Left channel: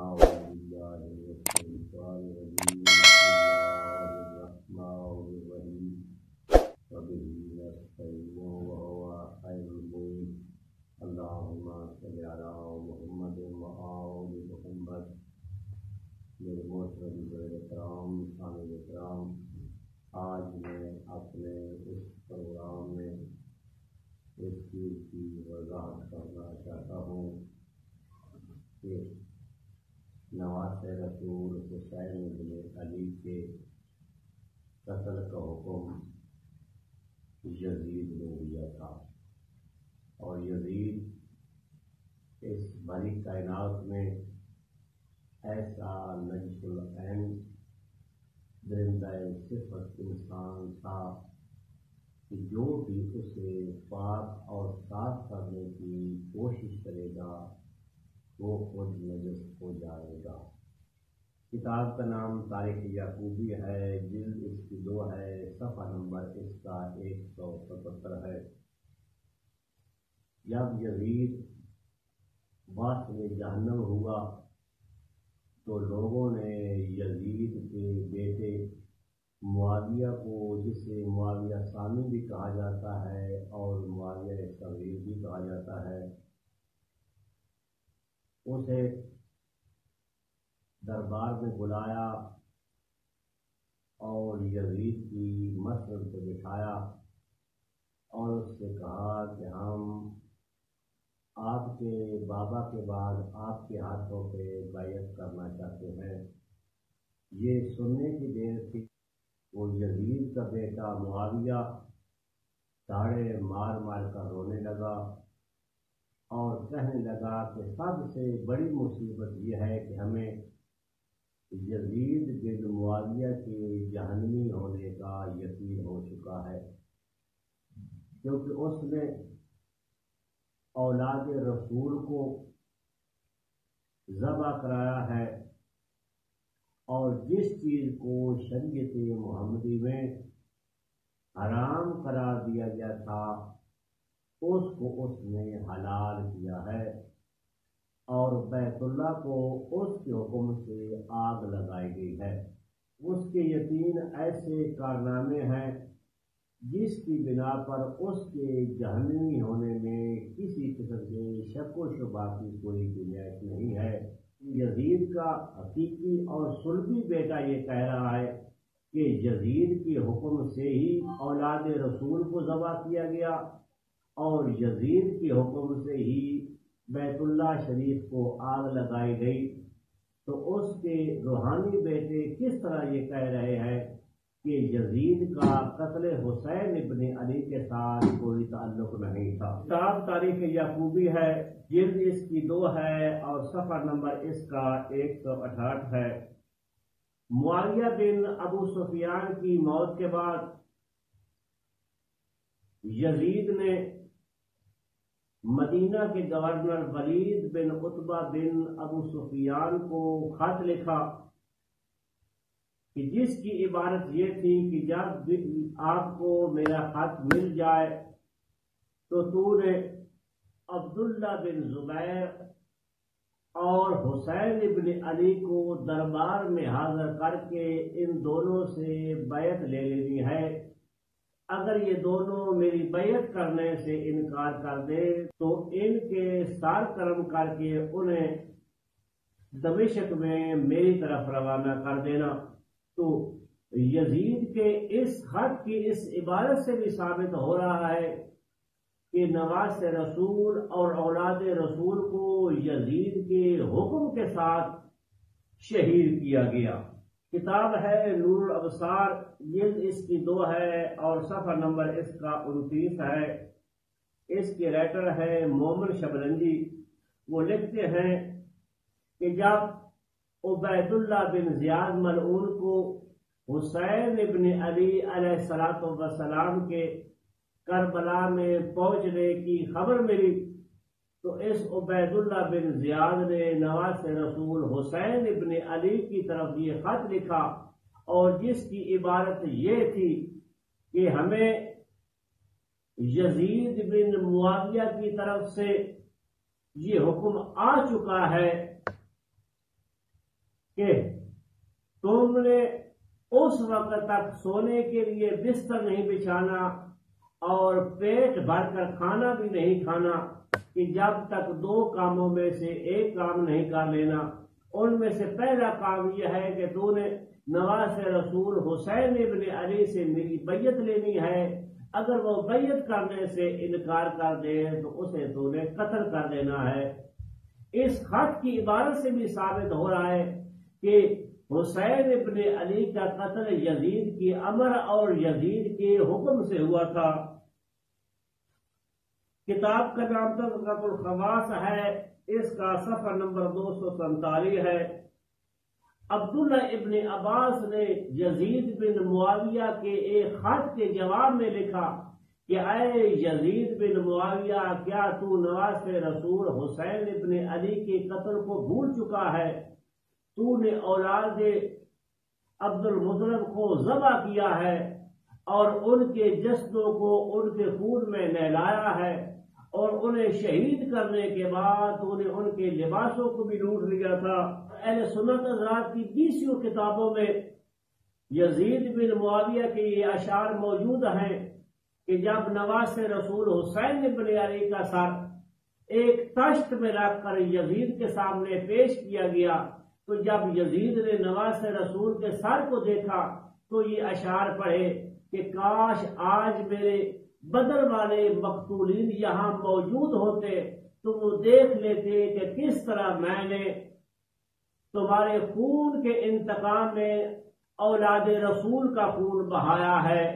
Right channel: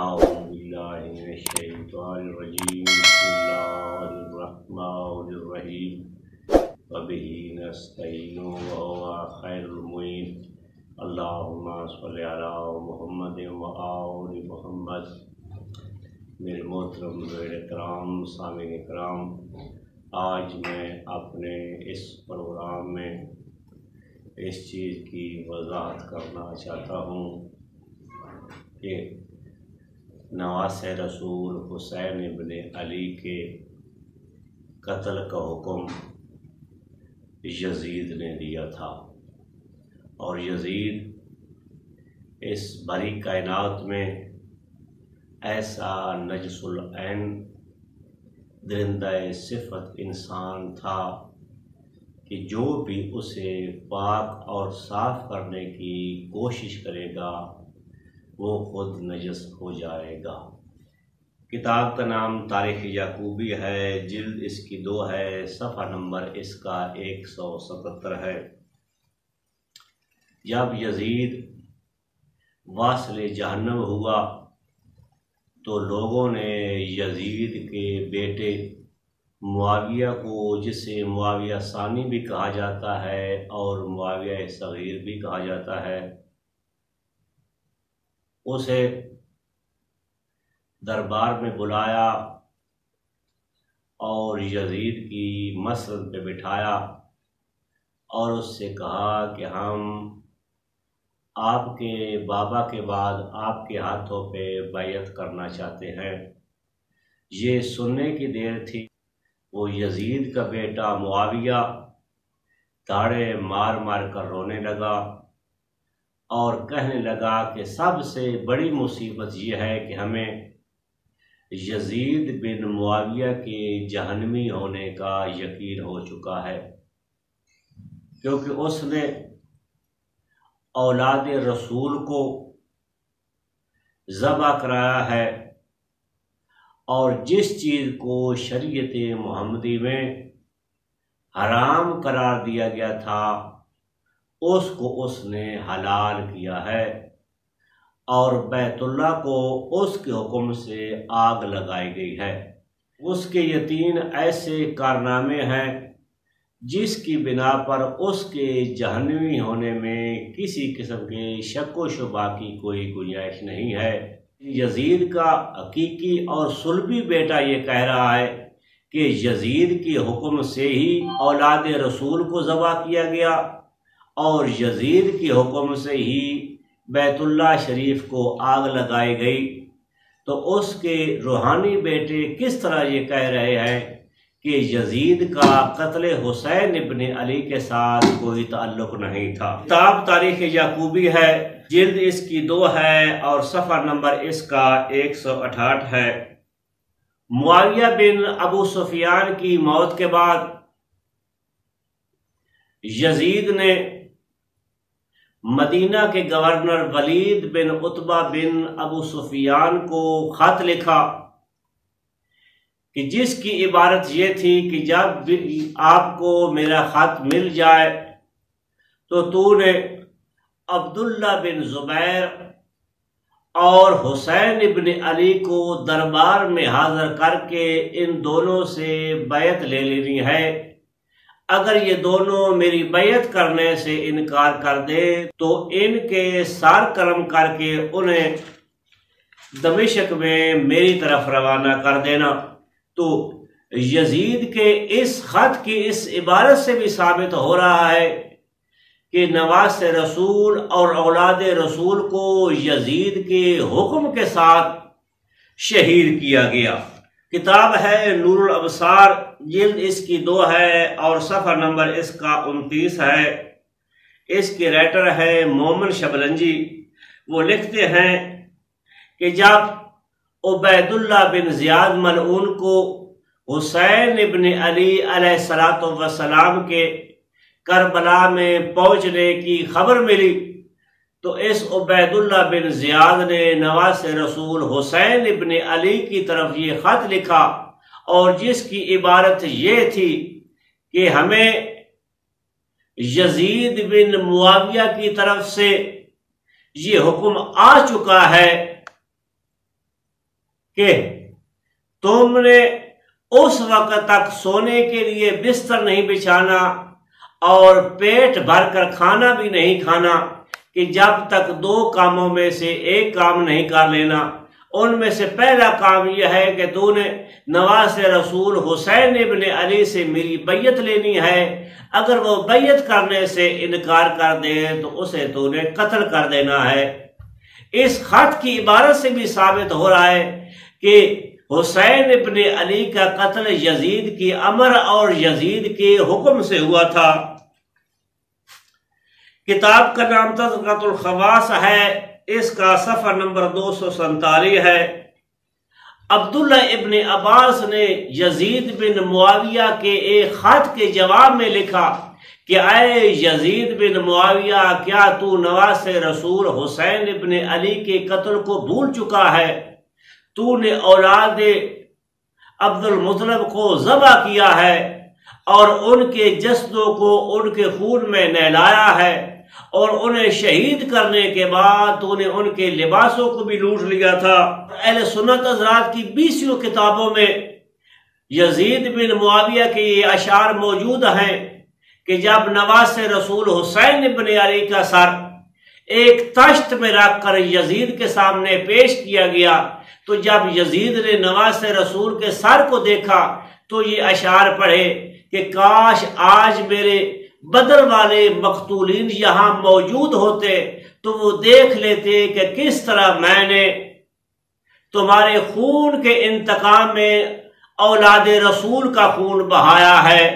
أعوذ بالله من الشيطان الرجيم بسم الله الرحمن الرحيم وبه نستعين وهو خير المعين اللهم صل على محمد وآل محمد۔ میرے محترم کرام سامعین کرام، آج میں اپنے اس پروگرام میں اس چیز کی وضاحت کرنا چاہتا ہوں کہ نواسۂ رسول حسین ابن علی کے قتل کا حکم یزید نے دیا تھا، اور یزید اس بھری کائنات میں ایسا نجس العین درندہ صفت انسان تھا کہ جو بھی اسے پاک اور صاف کرنے کی کوشش کرے گا وہ خود نجس ہو جائے گا۔ کتاب کا نام تاریخ یعقوبی ہے، جلد اس کی 2 ہے، صفحہ نمبر اس کا 177 ہے۔ جب یزید واصل جہنم ہوا تو لوگوں نے یزید کے بیٹے معاویہ کو، جسے معاویہ ثانی بھی کہا جاتا ہے اور معاویہ صغیر بھی کہا جاتا ہے، اسے دربار میں بلایا اور یزید کی مسند پہ بٹھایا اور اس سے کہا کہ ہم آپ کے بابا کے بعد آپ کے ہاتھوں پہ بیعت کرنا چاہتے ہیں۔ یہ سننے کی دیر تھی، وہ یزید کا بیٹا معاویہ داڑے مار مار کر رونے لگا اور کہنے لگا کہ سب سے بڑی مصیبت یہ ہے کہ ہمیں یزید بن معاویہ کے جہنمی ہونے کا یقین ہو چکا ہے، کیونکہ اس نے اولاد رسول کو ذبح کرایا ہے، اور جس چیز کو شریعت محمدی میں حرام قرار دیا گیا تھا اس کو اس نے حلال کیا ہے، اور بیت اللہ کو اس کے حکم سے آگ لگائی گئی ہے۔ اس کے یہ 3 ایسے کارنامے ہیں جس کی بنا پر اس کے جہنمی ہونے میں کسی قسم کے شک و شبہ کی کوئی گنجائش نہیں ہے۔ یزید کا حقیقی اور صلبی بیٹا یہ کہہ رہا ہے کہ یزید کے حکم سے ہی اولاد رسول کو ذبح کیا گیا اور یزید کے حکم سے ہی بیت اللہ شریف کو آگ لگائی گئی، تو اس کے روحانی بیٹے کس طرح یہ کہہ رہے ہیں کہ یزید کا قتل حسین ابن علی کے ساتھ کوئی تعلق نہیں تھا۔ کتاب تاریخ یعقوبی ہے، جلد اس کی 2 ہے اور صفحہ نمبر اس کا 168 ہے۔ معاویہ بن ابو سفیان کی موت کے بعد یزید نے مدینہ کے گورنر ولید بن عتبہ بن ابو سفیان کو خط لکھا کہ جس کی عبارت یہ تھی کہ جب آپ کو میرا خط مل جائے تو نے عبداللہ بن زبیر اور حسین ابن علی کو دربار میں حاضر کر کے ان دونوں سے بیعت لے لینی ہے۔ اگر یہ دونوں میری بیعت کرنے سے انکار کر دے تو ان کے سار کرم کر کے انہیں دمشق میں میری طرف روانہ کر دینا۔ تو یزید کے اس خط کی اس عبارت سے بھی ثابت ہو رہا ہے کہ نواسۂ رسول اور اولاد رسول کو یزید کے حکم کے ساتھ شہید کیا گیا۔ کتاب ہے نور الابصار، جلد اس کی 2 ہے اور صفحہ نمبر اس کا 29 ہے۔ اس کے رائٹر ہے مومن شبلنجی۔ وہ لکھتے ہیں کہ جب عبید اللہ بن زیاد ملعون کو حسین ابن علی علیہ السلام کے کربلا میں پہنچنے کی خبر ملی تو اس عبید اللہ بن زیاد نے نواسۂ رسول حسین ابن علی کی طرف یہ خط لکھا، اور جس کی عبارت یہ تھی کہ ہمیں یزید بن معاویہ کی طرف سے یہ حکم آ چکا ہے کہ تم نے اس وقت تک سونے کے لیے بستر نہیں بچھانا اور پیٹ بھر کر کھانا بھی نہیں کھانا کہ جب تک 2 کاموں میں سے ایک کام نہیں کر لینا۔ ان میں سے پہلا کام یہ ہے کہ تو نے نواز رسول حسین ابن علی سے میری بیعت لینی ہے، اگر وہ بیعت کرنے سے انکار کر دے تو اسے تو نے قتل کر دینا ہے۔ اس خط کی عبارت سے بھی ثابت ہو رہا ہے کہ حسین ابن علی کا قتل یزید کی امر اور یزید کے حکم سے ہوا تھا۔ کتاب کا نام تذکرۃ الخواص ہے، اس کا صفحہ نمبر 247 ہے۔ عبداللہ ابن عباس نے یزید بن معاویہ کے ایک خط کے جواب میں لکھا کہ اے یزید بن معاویہ، کیا تو نواز رسول حسین ابن علی کے قتل کو بھول چکا ہے؟ تو نے اولاد عبد المطلب کو ذبح کیا ہے اور ان کے جسدوں کو ان کے خون میں نہلایا ہے، اور انہیں شہید کرنے کے بعد تو نے ان کے لباسوں کو بھی لوٹ لیا تھا۔ اہل سنت حضرات کی 20 کتابوں میں یزید بن معاویہ کے یہ اشعار موجود ہیں کہ جب نواز رسول حسین ابن علی کا سر ایک تشت میں رکھ کر یزید کے سامنے پیش کیا گیا تو جب یزید نے نواز رسول کے سر کو دیکھا تو یہ اشعار پڑھے کہ کاش آج میرے بدر والے مقتولین یہاں موجود ہوتے تو وہ دیکھ لیتے کہ کس طرح میں نے تمہارے خون کے انتقام میں اولاد رسول کا خون بہایا ہے۔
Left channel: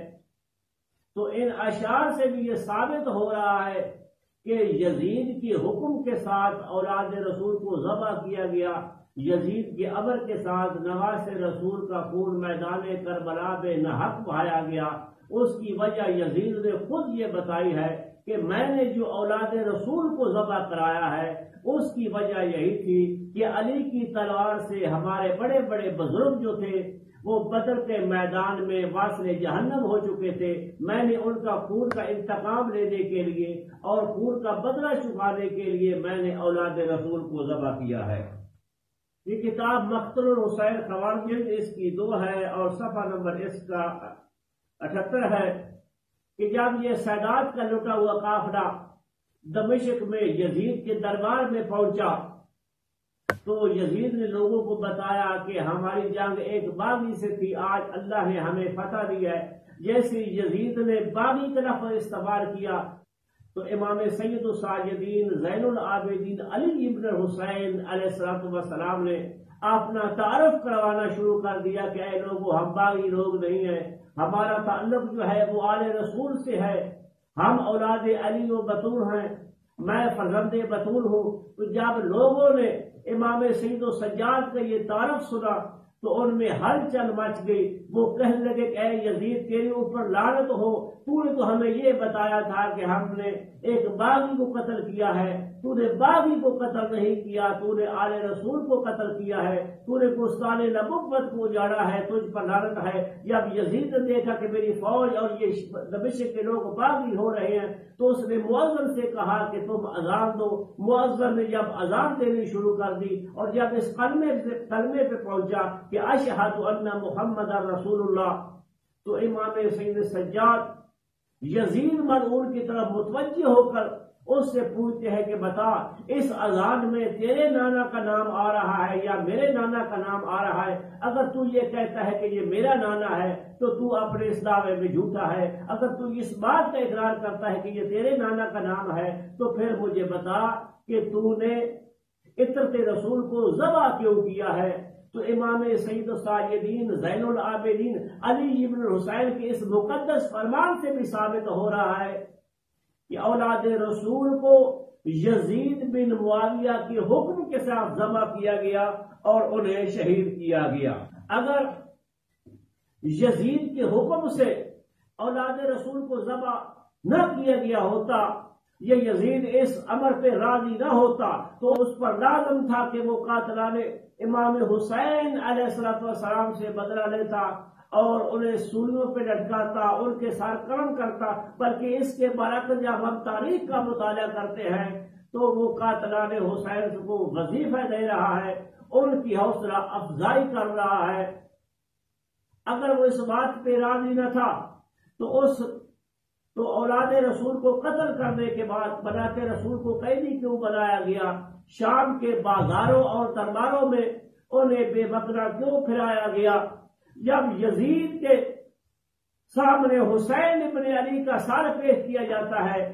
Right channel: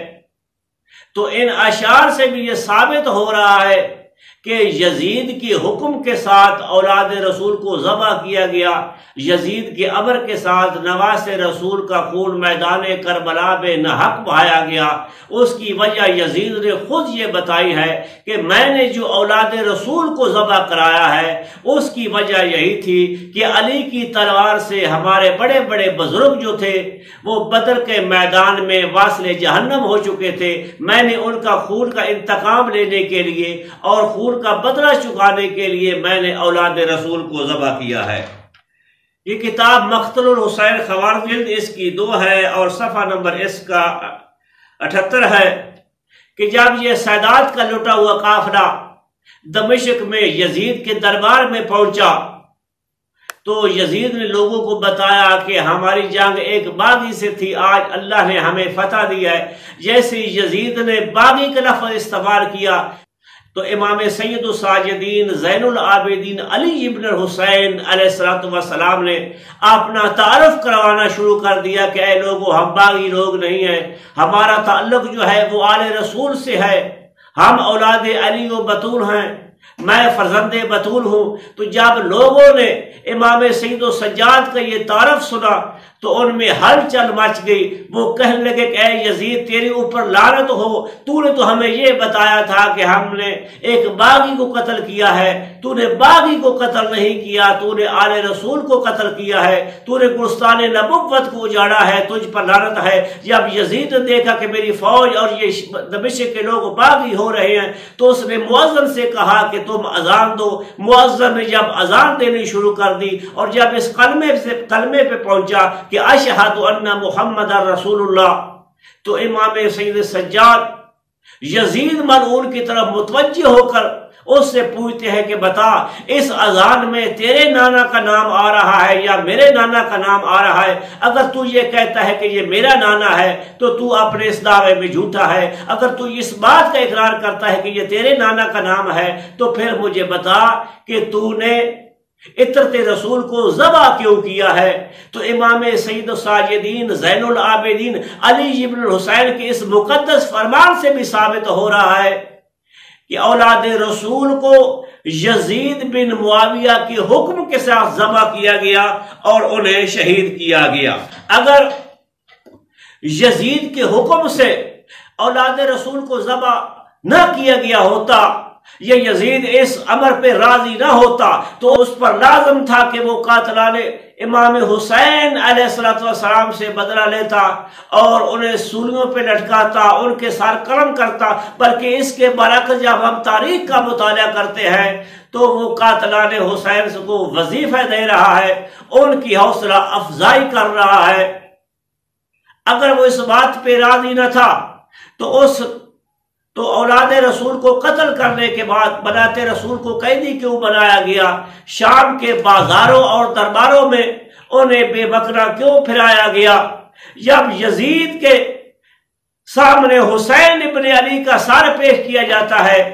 تو ان اشعار سے بھی یہ ثابت ہو رہا ہے کہ یزید کی حکم کے ساتھ اولاد رسول کو ذبح کیا گیا، یزید کے امر کے ساتھ نواز رسول کا خون میدان کربلا بے ناحق بہایا گیا۔ اس کی وجہ یزید نے خود یہ بتائی ہے کہ میں نے جو اولاد رسول کو ذبح کرایا ہے اس کی وجہ یہی تھی کہ علی کی تلوار سے ہمارے بڑے بڑے بزرگ جو تھے وہ بدر کے میدان میں واصل جہنم ہو چکے تھے، میں نے ان کا خون کا انتقام لینے کے لیے اور خون کا بدلہ چکانے کے لیے میں نے اولاد رسول کو ذبح کیا ہے۔ یہ کتاب مقتل الحسین خوارزم جلد اس کی 2 ہے اور صفحہ نمبر اس کا 78 ہے کہ جب یہ سادات کا لٹا ہوا قافلہ دمشق میں یزید کے دربار میں پہنچا تو یزید نے لوگوں کو بتایا کہ ہماری جنگ ایک باغی سے تھی، آج اللہ نے ہمیں فتح دیا ہے۔ جیسے یزید نے باغی کا لفظ استعمال کیا تو امام سید الساجدین زین العابدین علی ابن حسین علیہ السلام نے اپنا تعارف کروانا شروع کر دیا کہ اے لوگوں، ہم باغی لوگ نہیں ہیں، ہمارا تعلق جو ہے وہ آل رسول سے ہے، ہم اولاد علی و بطول ہیں، میں فرزند بطول ہوں۔ تو جب لوگوں نے امام سید السجاد کا یہ تعارف سنا تو ان میں ہلچل مچ گئی، وہ کہنے لگے کہ اے یزید تیرے اوپر لعنت ہو، تو نے تو ہمیں یہ بتایا تھا کہ ہم نے ایک باغی کو قتل کیا ہے، تو نے باغی کو قتل نہیں کیا، تو نے آل رسول کو قتل کیا ہے، تو نے گلستان نبوت کو اجاڑا ہے، تجھ پر لعنت ہے۔ جب یزید نے دیکھا کہ میری فوج اور یہ دمشق کے لوگ باغی ہو رہے ہیں تو اس نے مؤذن سے کہا کہ تم اذان دو۔ مؤذن نے جب اذان دینی شروع کر دی اور جب اس کلمے پہ پہنچا کہ اشہد ان محمد رسول اللہ تو امام سید سجاد یزید ملعون کی طرف متوجہ ہو کر اس سے پوچھتے ہیں کہ بتا اس اذان میں تیرے نانا کا نام آ رہا ہے یا میرے نانا کا نام آ رہا ہے؟ اگر تو یہ کہتا ہے کہ یہ میرا نانا ہے تو تو اپنے اس دعوے میں جھوٹا ہے، اگر تو اس بات کا اقرار کرتا ہے کہ یہ تیرے نانا کا نام ہے تو پھر مجھے بتا کہ تو نے عطرت رسول کو ذبح کیوں کیا ہے؟ تو امام سید الساجدین زین العابدین علی ابن الحسین کے اس مقدس فرمان سے بھی ثابت ہو رہا ہے کہ اولاد رسول کو یزید بن معاویہ کے حکم کے ساتھ ذبح کیا گیا اور انہیں شہید کیا گیا۔ اگر یزید کے حکم سے اولاد رسول کو ذبح نہ کیا گیا ہوتا یہ یزید اس امر پہ راضی نہ ہوتا تو اس پر لازم تھا کہ وہ قاتلان امام حسین علیہ السلام سے بدلہ لیتا اور انہیں سولیوں پہ لٹکاتا، ان کے سار قلم کرتا۔ بلکہ اس کے برعکس جب ہم تاریخ کا مطالعہ کرتے ہیں تو وہ قاتلان حسین کو وظیفہ دے رہا ہے، ان کی حوصلہ افزائی کر رہا ہے۔ اگر وہ اس بات پہ راضی نہ تھا تو اولاد رسول کو قتل کرنے کے بعد بنات رسول کو قیدی کیوں بنایا گیا؟ شام کے بازاروں اور درباروں میں انہیں بے بکرا کیوں پھرایا گیا؟ جب یزید کے سامنے حسین ابن علی کا سر پیش کیا جاتا ہے